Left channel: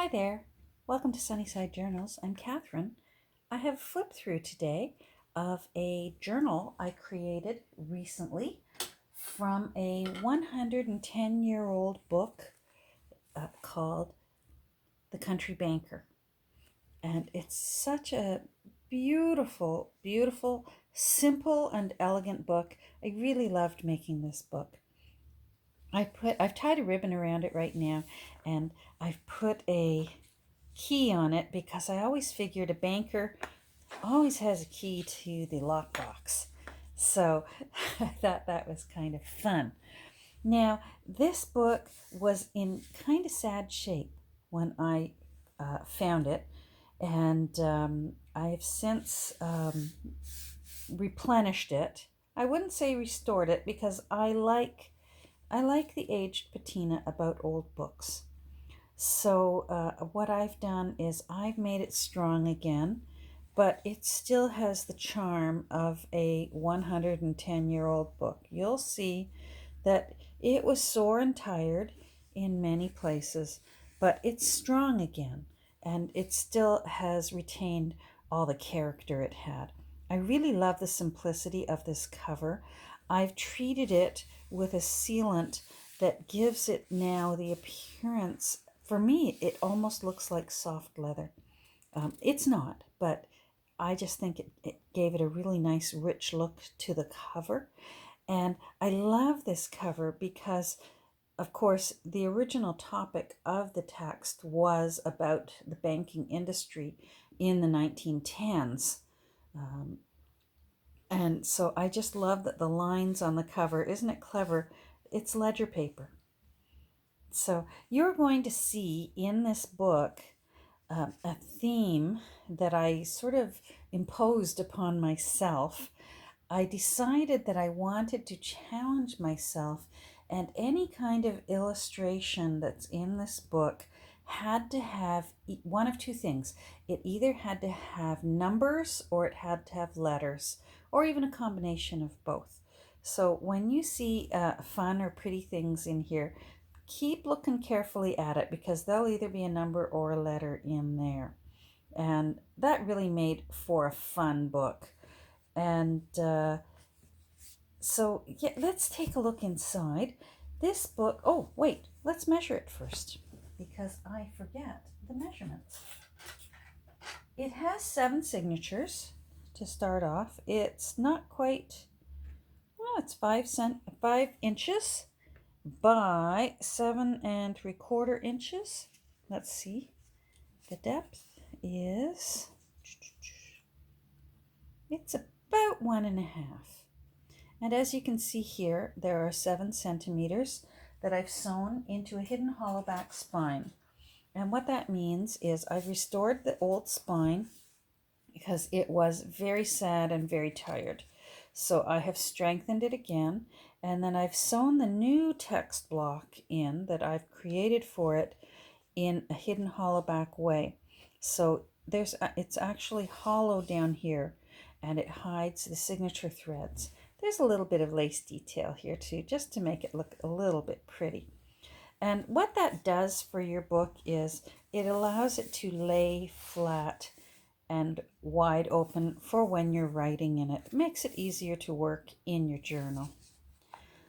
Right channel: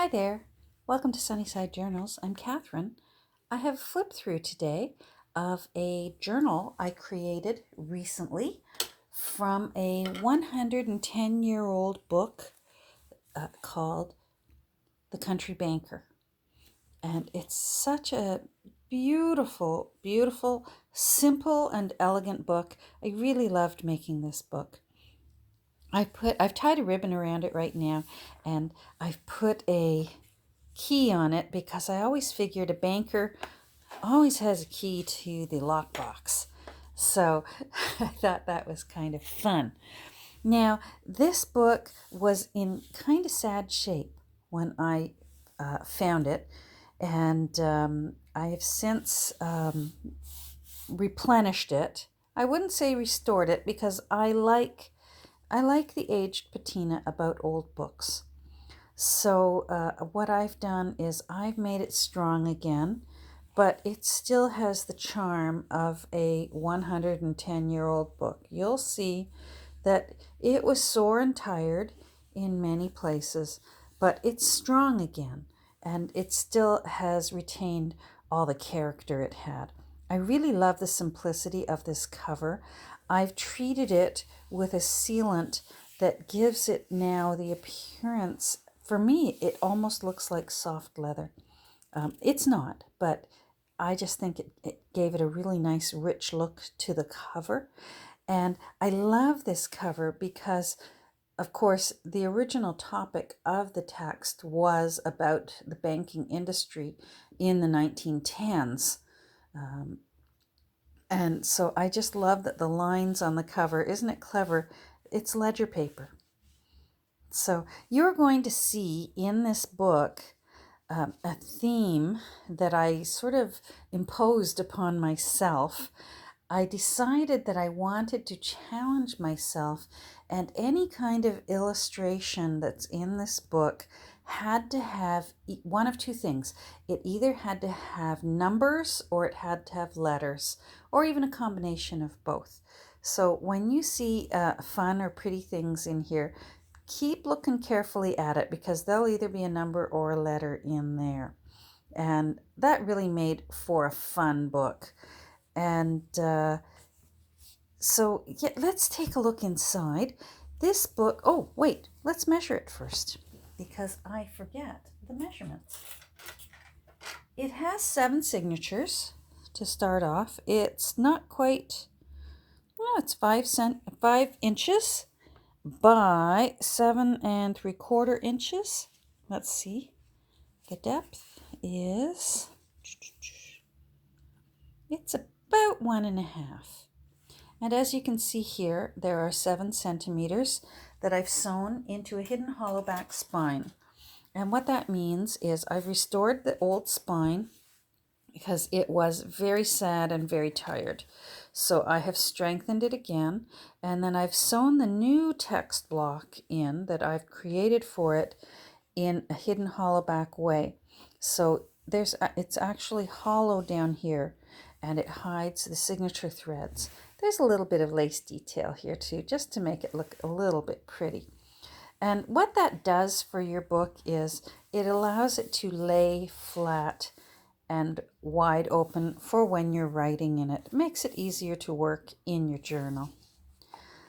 Hi there. Welcome to Sunnyside Journals. I'm Catherine. I have flipped through today of a journal I created recently from a 110-year-old book called The Country Banker. And it's such a beautiful, beautiful, simple and elegant book. I really loved making this book. I've tied a ribbon around it right now, and I've put a key on it because I always figured a banker always has a key to the lockbox. So I thought that was kind of fun. Now, this book was in kind of sad shape when I found it, and I have since replenished it. I wouldn't say restored it because I like the aged patina about old books. So what I've done is I've made it strong again, but it still has the charm of a 110-year-old book. You'll see that it was sore and tired in many places, but it's strong again, and it still has retained all the character it had. I really love the simplicity of this cover. I've treated it with a sealant that gives it now the appearance. For me, it almost looks like soft leather. It's not, but I just think it gave it a really nice, rich look to the cover. And I love this cover because, of course, the original topic of the text was about the banking industry in the 1910s. Um, and so I just love that the lines on the cover, isn't it clever? It's ledger paper. So you're going to see in this book a theme that I sort of imposed upon myself. I decided that I wanted to challenge myself, and any kind of illustration that's in this book had to have one of two things. It either had to have numbers or it had to have letters, or even a combination of both. So when you see fun or pretty things in here, keep looking carefully at it because there'll either be a number or a letter in there. And that really made for a fun book. And so, yeah, let's take a look inside. This book, oh, wait, let's measure it first because I forget the measurements. It has 7 signatures to start off. It's not quite, well, it's 5 inches by 7 3/4 inches. Let's see. The depth is, it's about 1.5. And as you can see here, there are 7 centimeters that I've sewn into a hidden hollow back spine. And what that means is I've restored the old spine because it was very sad and very tired. So I have strengthened it again, and then I've sewn the new text block in that I've created for it in a hidden hollow back way. So it's actually hollow down here, and it hides the signature threads. There's a little bit of lace detail here too, just to make it look a little bit pretty. And what that does for your book is it allows it to lay flat and wide open for when you're writing in it. It makes it easier to work in your journal.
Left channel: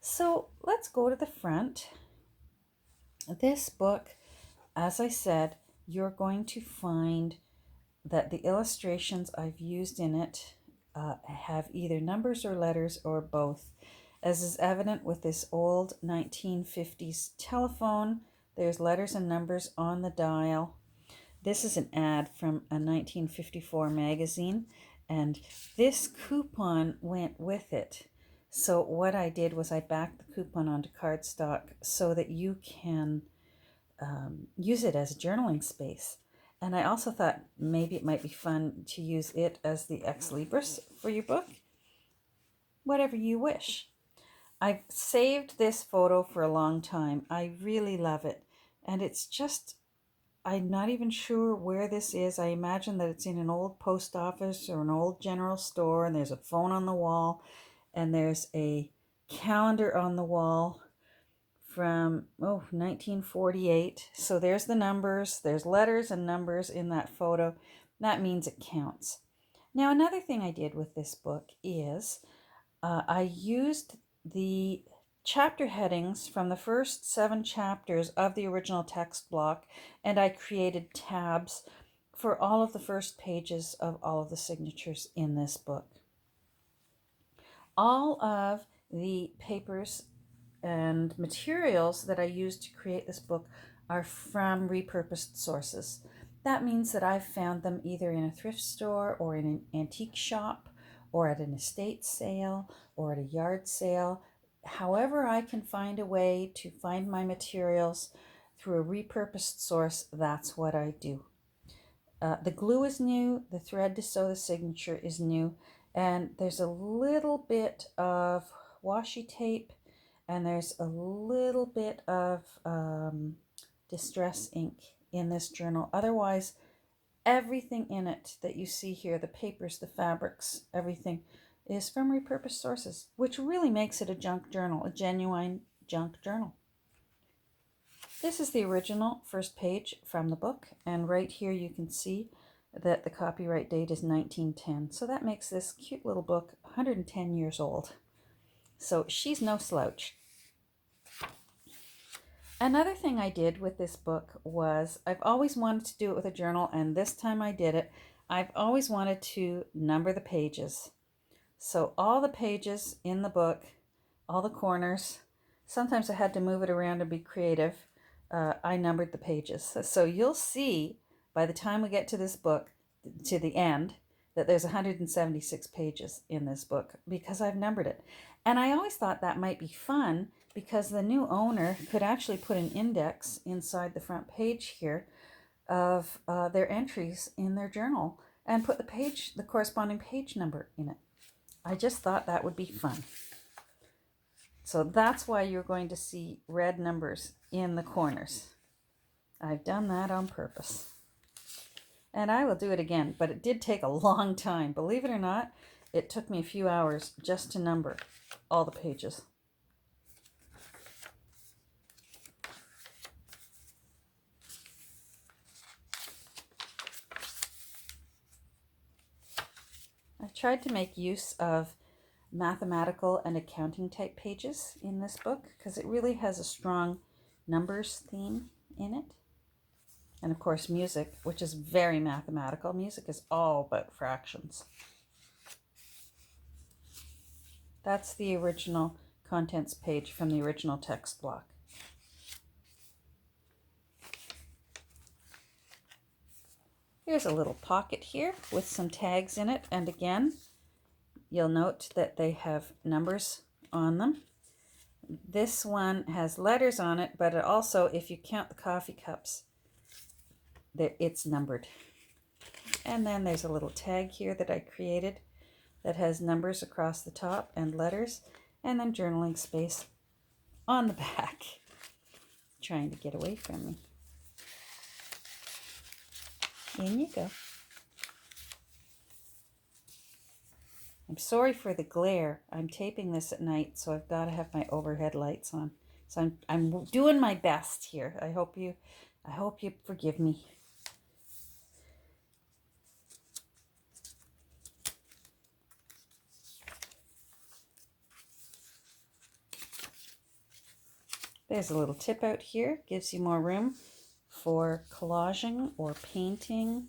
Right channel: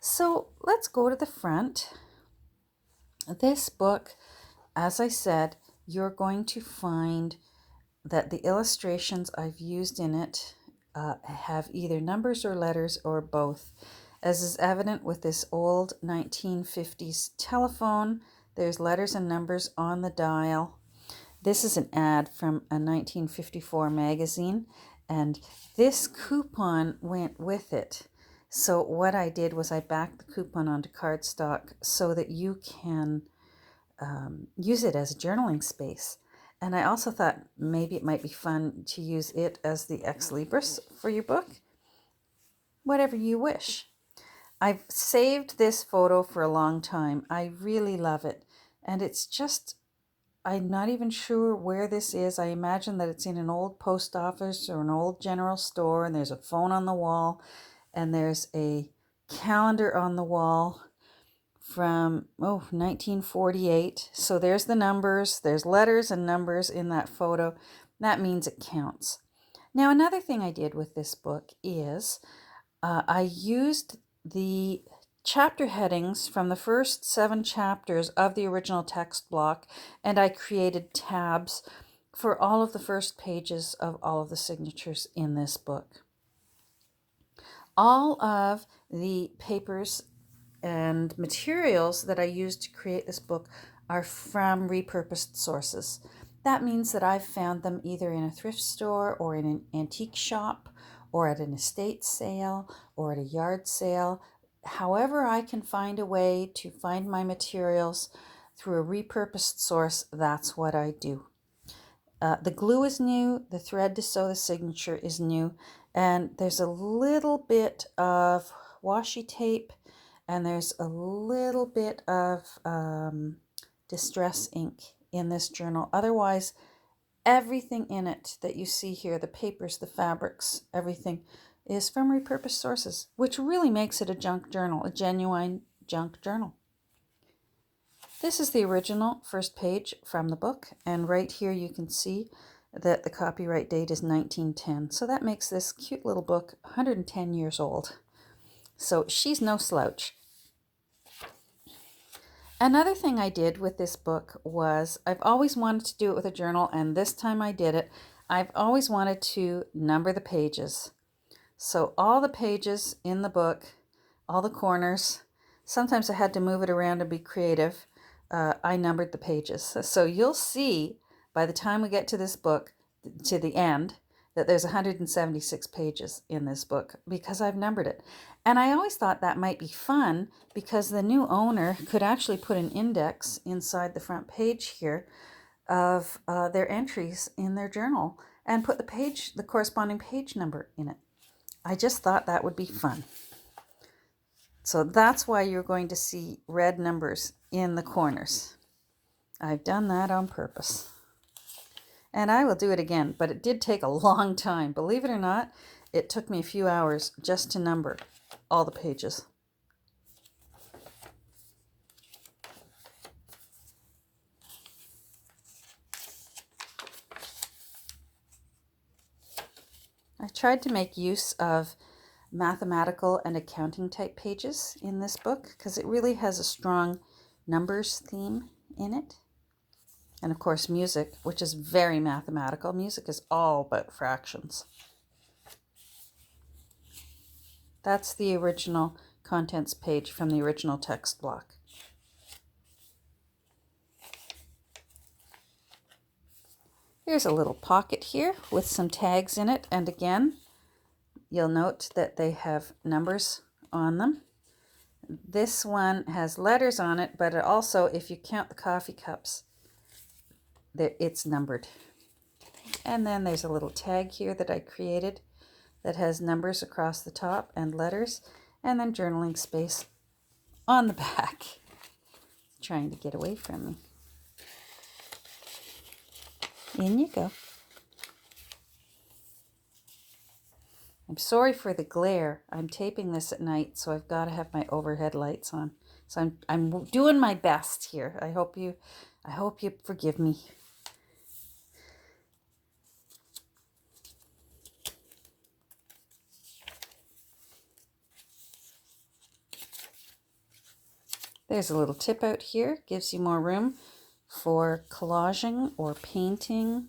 So let's go to the front. This book, as I said, you're going to find that the illustrations I've used in it have either numbers or letters or both. As is evident with this old 1950s telephone, there's letters and numbers on the dial. This is an ad from a 1954 magazine, and this coupon went with it. So what I did was I backed the coupon onto cardstock so that you can use it as a journaling space. And I also thought maybe it might be fun to use it as the ex libris for your book. Whatever you wish. I've saved this photo for a long time. I really love it. And it's just, I'm not even sure where this is. I imagine that it's in an old post office or an old general store, and there's a phone on the wall, and there's a calendar on the wall from 1948. So there's the numbers, there's letters and numbers in that photo. That means it counts. Now, another thing I did with this book is I used the chapter headings from the first 7 chapters of the original text block, and I created tabs for all of the first pages of all of the signatures in this book. All of the papers and materials that I used to create this book are from repurposed sources. That means that I've found them either in a thrift store or in an antique shop or at an estate sale or at a yard sale. However I can find a way to find my materials through a repurposed source, that's what I do. The glue is new, the thread to sew the signature is new, and there's a little bit of washi tape and there's a little bit of distress ink in this journal. Otherwise, everything in it that you see here, the papers, the fabrics, everything is from repurposed sources, which really makes it a junk journal, a genuine junk journal. This is the original first page from the book, and right here you can see that the copyright date is 1910. So that makes this cute little book 110 years old. So she's no slouch. Another thing I did with this book was, I've always wanted to do it with a journal, and this time I did it. I've always wanted to number the pages. So all the pages in the book, all the corners, sometimes I had to move it around and be creative. I numbered the pages. So you'll see by the time we get to this book, to the end, that there's 176 pages in this book because I've numbered it. And I always thought that might be fun because the new owner could actually put an index inside the front page here of their entries in their journal and put the corresponding page number in it. I just thought that would be fun. So that's why you're going to see red numbers in the corners. I've done that on purpose. And I will do it again, but it did take a long time. Believe it or not, it took me a few hours just to number all the pages. I tried to make use of mathematical and accounting type pages in this book because it really has a strong numbers theme in it. And of course music, which is very mathematical. Music is all about fractions. That's the original contents page from the original text block. There's a little pocket here with some tags in it, and again, you'll note that they have numbers on them. This one has letters on it, but it also, if you count the coffee cups, it's numbered. And then there's a little tag here that I created that has numbers across the top and letters, and then journaling space on the back. Trying to get away from me. In you go. I'm sorry for the glare. I'm taping this at night, so I've got to have my overhead lights on. So I'm doing my best here. I hope you forgive me. There's a little tip out here. Gives you more room for collaging or painting.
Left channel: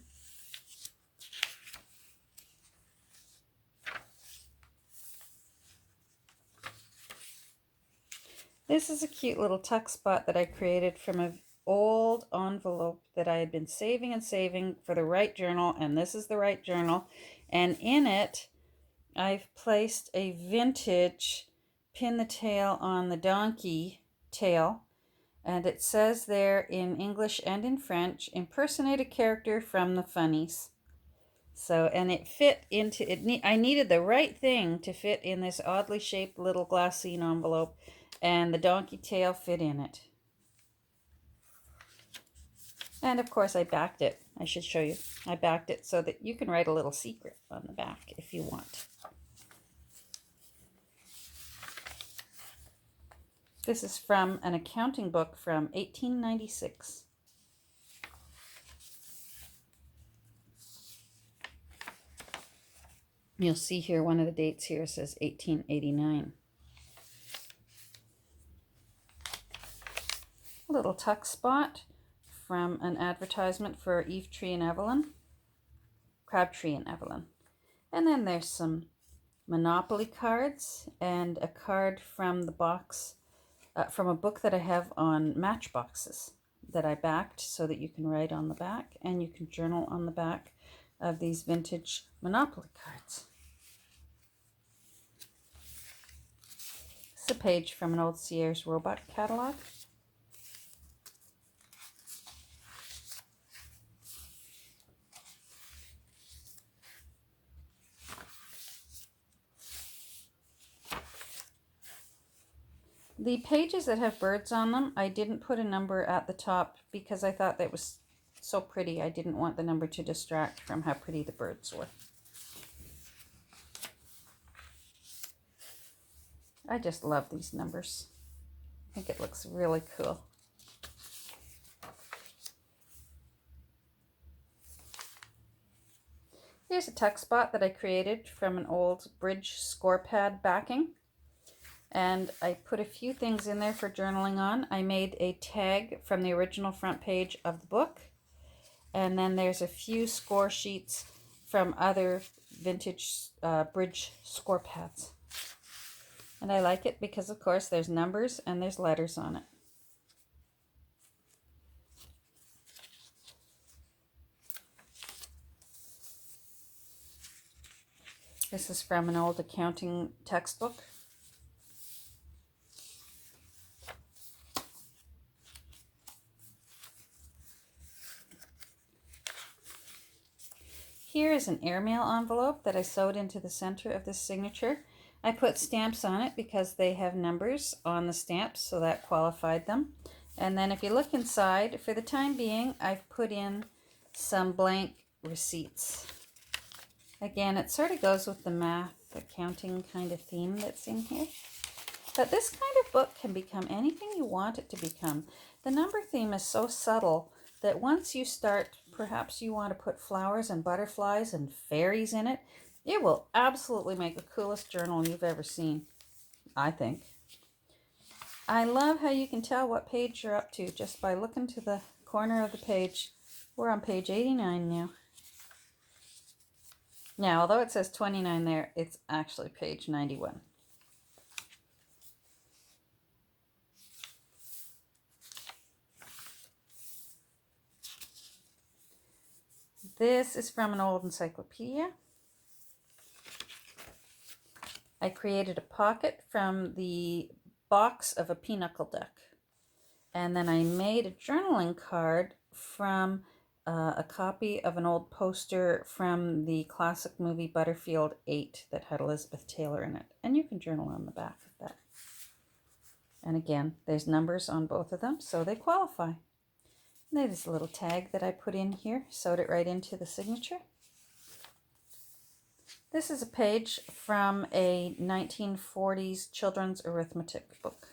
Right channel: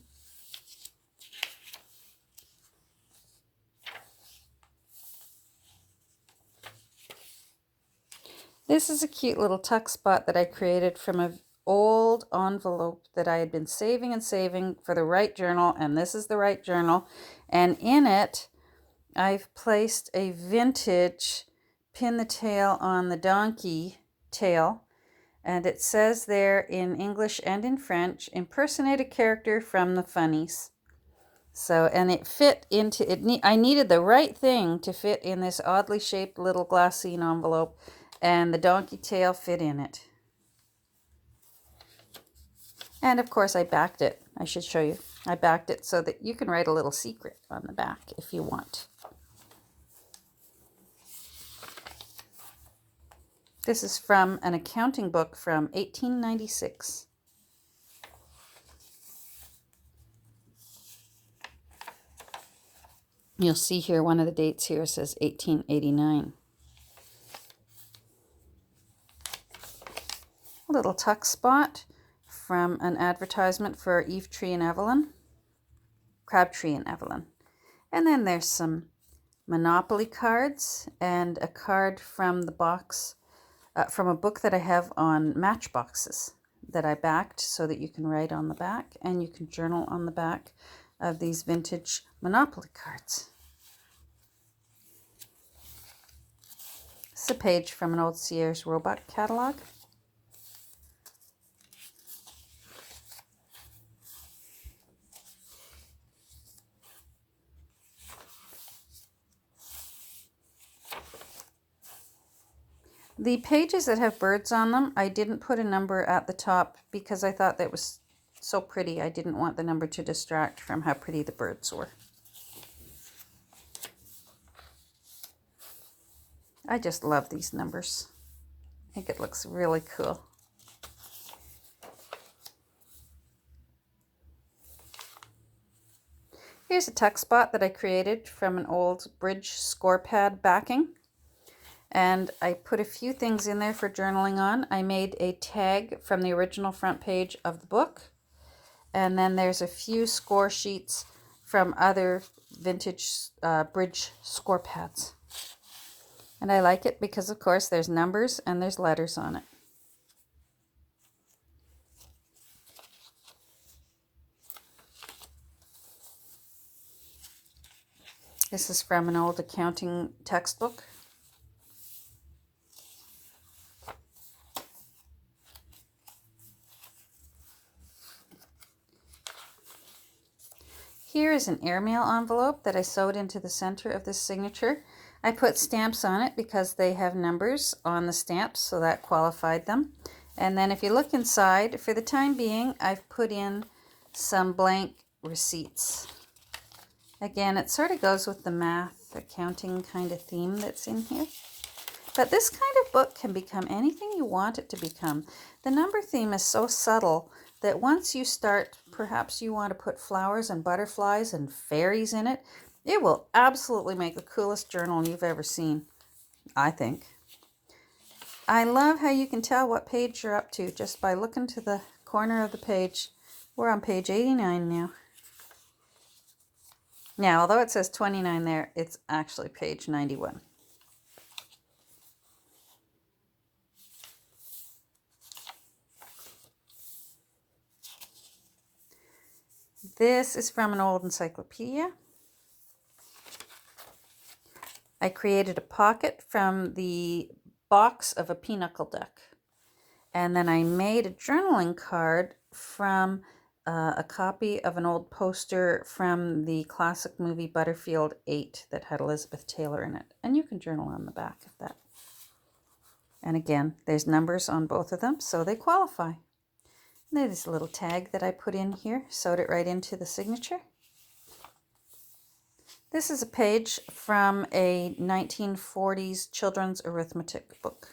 This is a cute little tuck spot that I created from an old envelope that I had been saving and saving for the right journal, and this is the right journal. And in it, I've placed a vintage pin the tail on the donkey tail, and it says there in English and in French, impersonate a character from the funnies. So, and it fit into it. I needed the right thing to fit in this oddly shaped little glassine envelope, and the donkey tail fit in it. And of course I backed it. I should show you. I backed it so that you can write a little secret on the back if you want. This is from an accounting book from 1896. You'll see here one of the dates here says 1889. A little tuck spot from an advertisement for Eve Tree and Evelyn, Crabtree and Evelyn. And then there's some Monopoly cards and a card from the box, from a book that I have on matchboxes that I backed so that you can write on the back and you can journal on the back of these vintage Monopoly cards. It's a page from an old Sears Roebuck catalog. The pages that have birds on them, I didn't put a number at the top because I thought that was so pretty. I didn't want the number to distract from how pretty the birds were. I just love these numbers. I think it looks really cool. Here's a tuck spot that I created from an old bridge score pad backing. And I put a few things in there for journaling on. I made a tag from the original front page of the book. And then there's a few score sheets from other vintage bridge score pads. And I like it because, of course, there's numbers and there's letters on it. This is from an old accounting textbook. Here is an airmail envelope that I sewed into the center of this signature. I put stamps on it because they have numbers on the stamps, so that qualified them. And then if you look inside, for the time being, I've put in some blank receipts. Again, it sort of goes with the math, accounting kind of theme that's in here. But this kind of book can become anything you want it to become. The number theme is so subtle that once you start, perhaps you want to put flowers and butterflies and fairies in it, it will absolutely make the coolest journal you've ever seen, I think. I love how you can tell what page you're up to just by looking to the corner of the page. We're on page 89 now. Now, although it says 29 there, it's actually page 91. This is from an old encyclopedia. I created a pocket from the box of a pinochle duck. And then I made a journaling card from a copy of an old poster from the classic movie Butterfield 8 that had Elizabeth Taylor in it. And you can journal on the back of that. And again, there's numbers on both of them, so they qualify. And there's a little tag that I put in here, sewed it right into the signature. This is a page from a 1940s children's arithmetic book.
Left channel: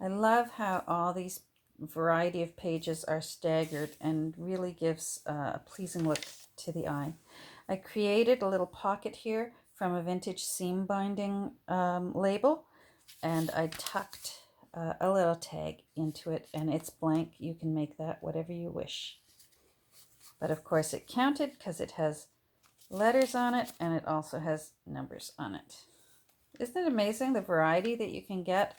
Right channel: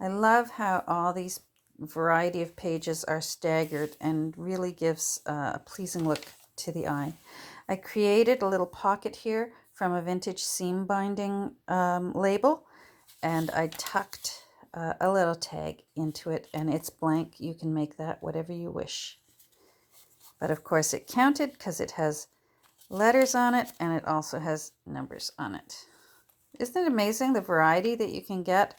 I love how all these variety of pages are staggered and really gives a pleasing look to the eye. I created a little pocket here from a vintage seam binding label, and I tucked a little tag into it, and it's blank. You can make that whatever you wish. But of course it counted because it has letters on it and it also has numbers on it. Isn't it amazing the variety that you can get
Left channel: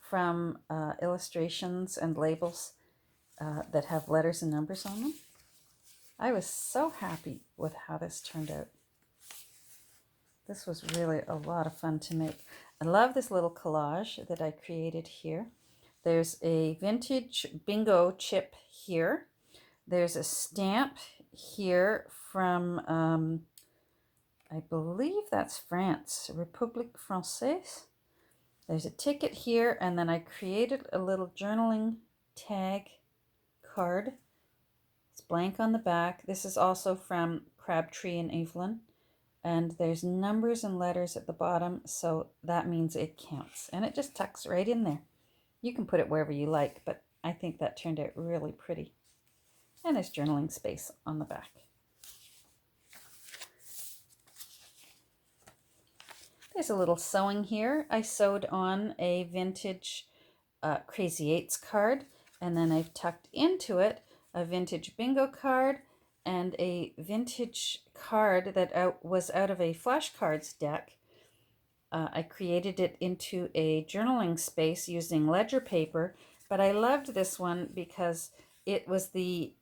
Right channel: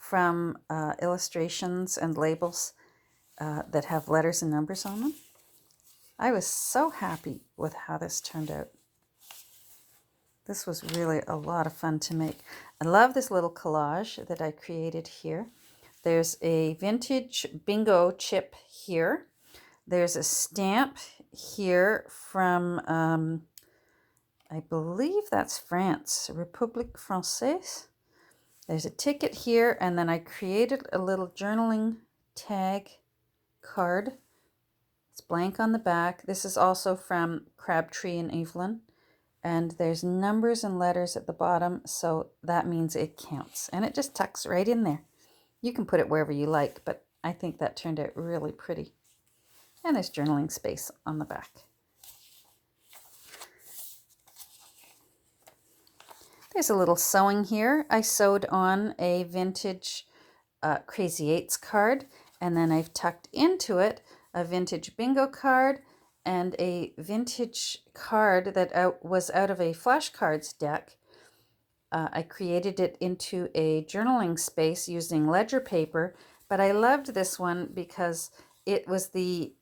from illustrations and labels that have letters and numbers on them? I was so happy with how this turned out. This was really a lot of fun to make. I love this little collage that I created here. There's a vintage bingo chip here. There's a stamp here from, I believe that's France, République Française. There's a ticket here, and then I created a little journaling tag card. It's blank on the back. This is also from Crabtree and Evelyn. And there's numbers and letters at the bottom, so that means it counts. And it just tucks right in there. You can put it wherever you like, but I think that turned out really pretty. And there's journaling space on the back. There's a little sewing here. I sewed on a vintage Crazy Eights card, and then I've tucked into it a vintage bingo card and a vintage card that was out of a flashcards deck. I created it into a journaling space using ledger paper, but I loved this one because it was the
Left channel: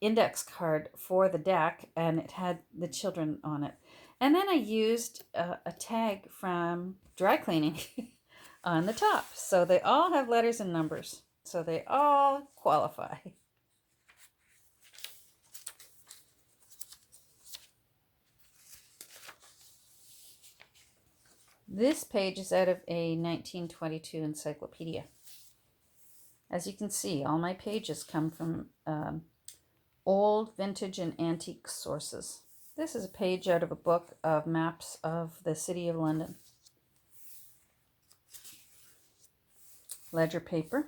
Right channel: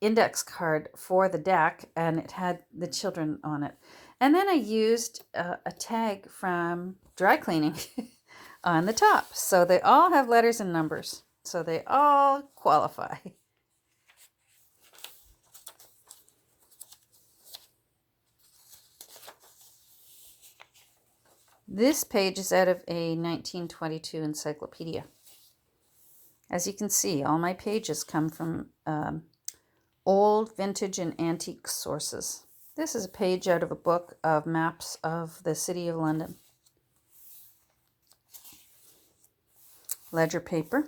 index card for the deck and it had the children on it. And then I used a tag from dry cleaning on the top. So they all have letters and numbers. So they all qualify. This page is out of a 1922 encyclopedia. As you can see, all my pages come from old, vintage, and antique sources. This is a page out of a book of maps of the City of London. Ledger paper.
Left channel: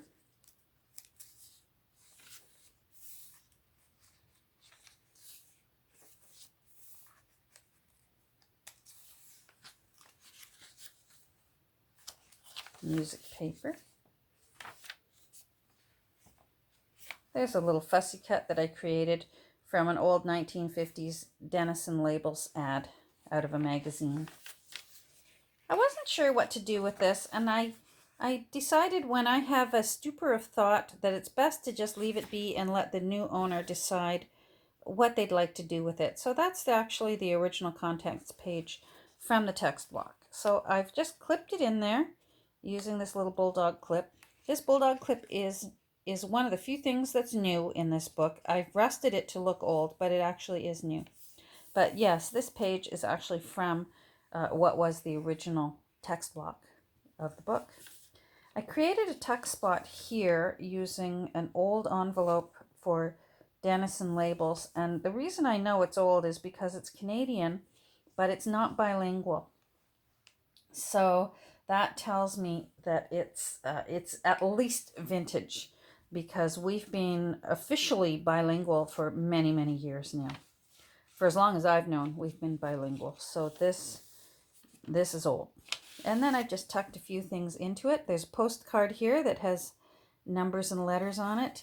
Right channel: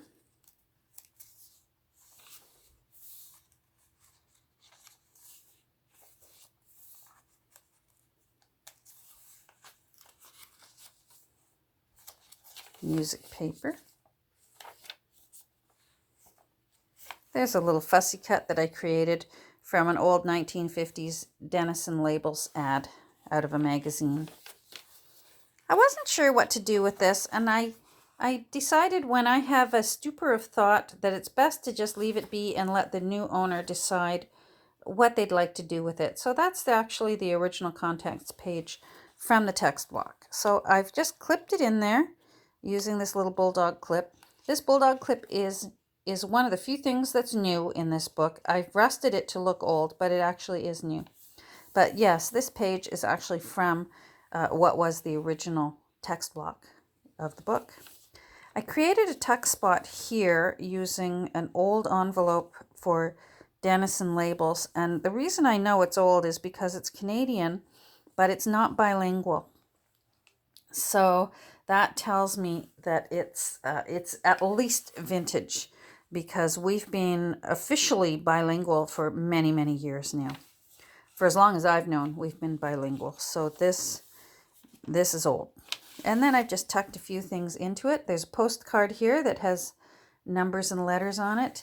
Music paper. There's a little fussy cut that I created from an old 1950s Denison Labels ad out of a magazine. I wasn't sure what to do with this, and I decided when I have a stupor of thought that it's best to just leave it be and let the new owner decide what they'd like to do with it. So that's actually the original contents page from the text block. So I've just clipped it in there using this little bulldog clip. This bulldog clip is one of the few things that's new in this book. I've rusted it to look old, but it actually is new. But yes, this page is actually from what was the original text block of the book. I created a tuck spot here using an old envelope for Denison Labels, and the reason I know it's old is because it's Canadian, but it's not bilingual. So that tells me that it's at least vintage, because we've been officially bilingual for many, many years now. For as long as I've known, we've been bilingual. So this is old. And then I just tucked a few things into it. There's a postcard here that has numbers and letters on it.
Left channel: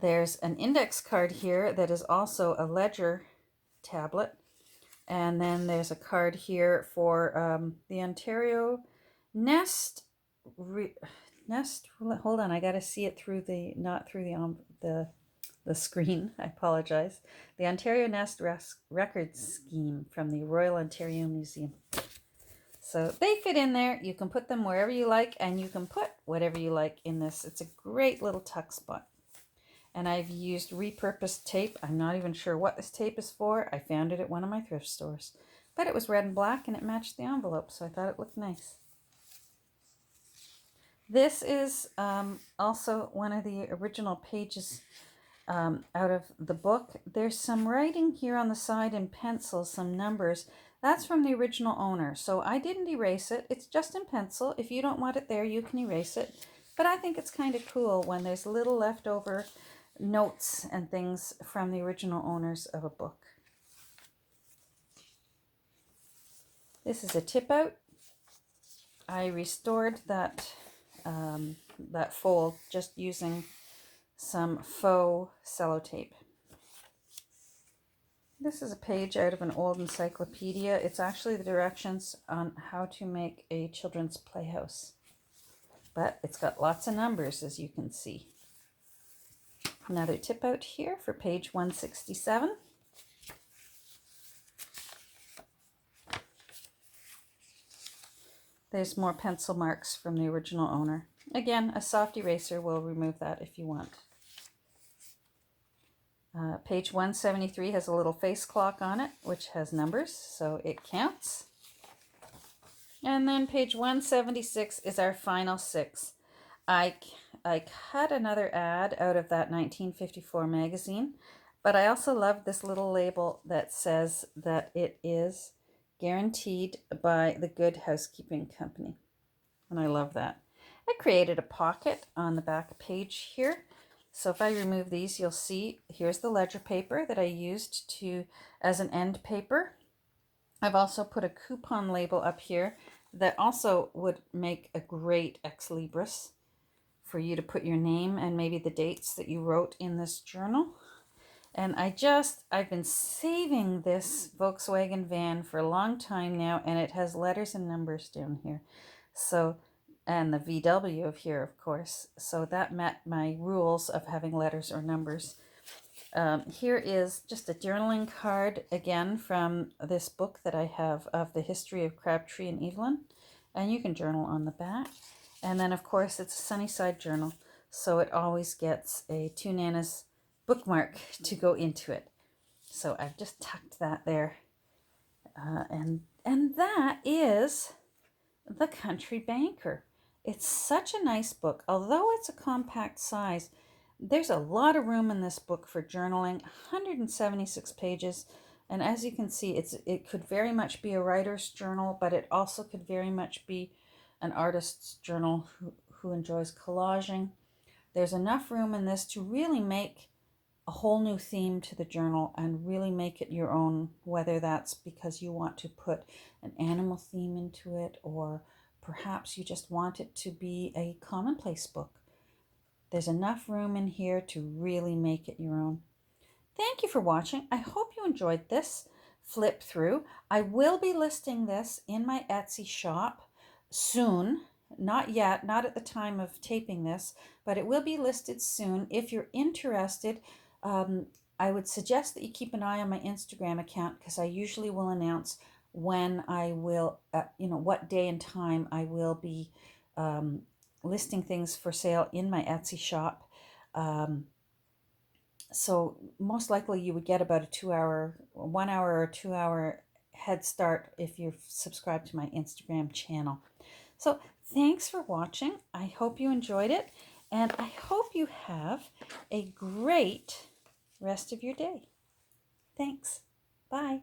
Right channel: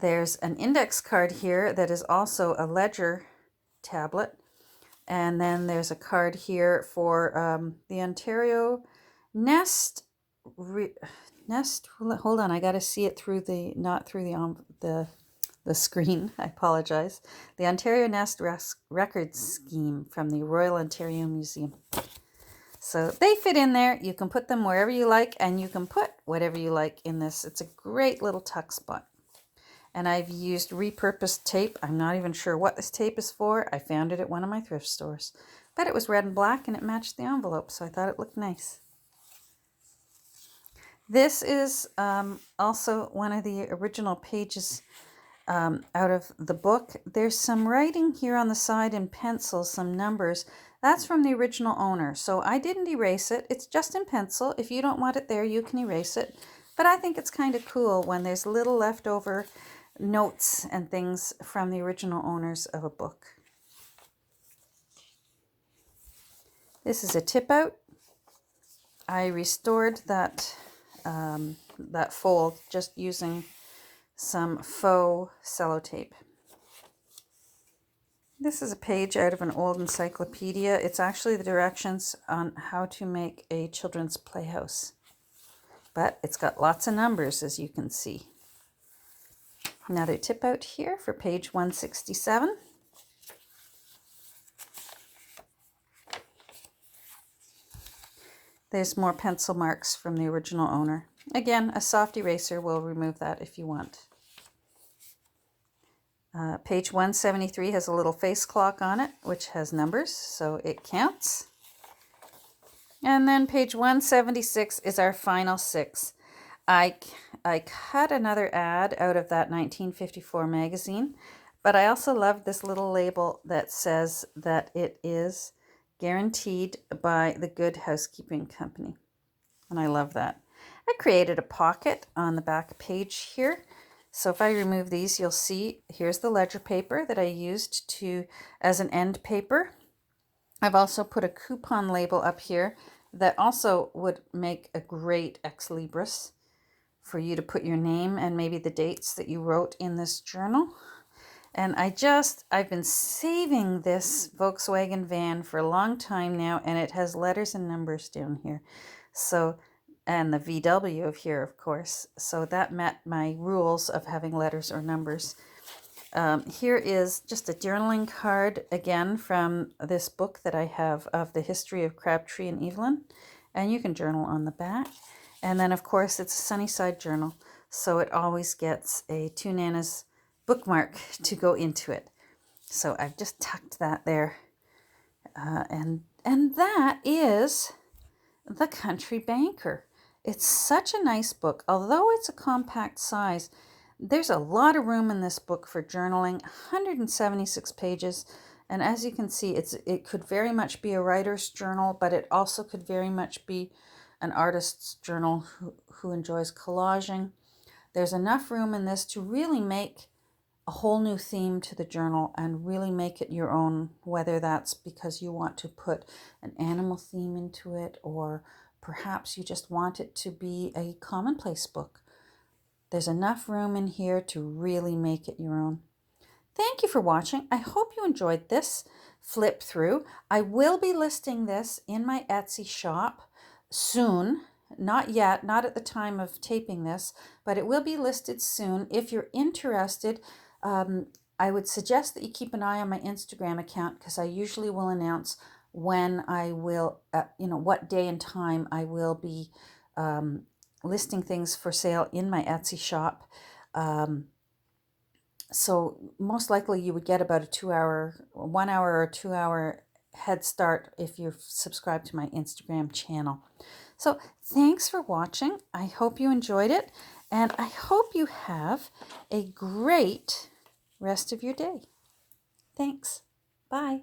There's an index card here that is also a ledger tablet. And then there's a card here for the Ontario Nest. Hold on, I got to see it through not through the screen. I apologize. The Ontario Nest Records Scheme from the Royal Ontario Museum. So they fit in there. You can put them wherever you like, and you can put whatever you like in this. It's a great little tuck spot. And I've used repurposed tape. I'm not even sure what this tape is for. I found it at one of my thrift stores. But it was red and black, and it matched the envelope, so I thought it looked nice. This is also one of the original pages out of the book. There's some writing here on the side in pencil, some numbers. That's from the original owner. So I didn't erase it. It's just in pencil. If you don't want it there, you can erase it. But I think it's kind of cool when there's little leftover notes and things from the original owners of a book. This is a tip out. I restored that fold just using some faux sellotape. This is a page out of an old encyclopedia. It's actually the directions on how to make a children's playhouse. But it's got lots of numbers, as you can see. Another tip out here for page 167. There's more pencil marks from the original owner. Again, a soft eraser will remove that if you want. Page 173 has a little face clock on it, which has numbers, so it counts. And then page 176 is our final 6. I cut another ad out of that 1954 magazine, But I also love this little label that says that it is guaranteed by the Good Housekeeping Company. And I love that. I created a pocket on the back page here. So if I remove these, you'll see here's the ledger paper that I used as an end paper. I've also put a coupon label up here that also would make a great ex libris for you to put your name and maybe the dates that you wrote in this journal. And I've been saving this Volkswagen van for a long time now, and it has letters and numbers down here. So, and the VW of here, of course. So that met my rules of having letters or numbers. Here is just a journaling card, again, from this book that I have of the history of Crabtree and Evelyn. And you can journal on the back. And then, of course, it's a Sunnyside journal. So it always gets a Two Nanas bookmark to go into it. So I've just tucked that there. And that is The Country Banker. It's such a nice book. Although it's a compact size, there's a lot of room in this book for journaling, 176 pages. And as you can see, it could very much be a writer's journal, but it also could very much be an artist's journal who enjoys collaging. There's enough room in this to really make a whole new theme to the journal and really make it your own, whether that's because you want to put an animal theme into it, or perhaps you just want it to be a commonplace book. There's enough room in here to really make it your own. Thank you for watching. I hope you enjoyed this flip through. I will be listing this in my Etsy shop soon. Not yet, not at the time of taping this, but it will be listed soon. If you're interested, I would suggest that you keep an eye on my Instagram account, because I usually will announce when I will, what day and time I will be listing things for sale in my Etsy shop. So most likely you would get about a 1 hour or 2 hour head start if you're subscribed to my Instagram channel. So thanks for watching. I hope you enjoyed it, and I hope you have a great rest of your day. Thanks. Bye.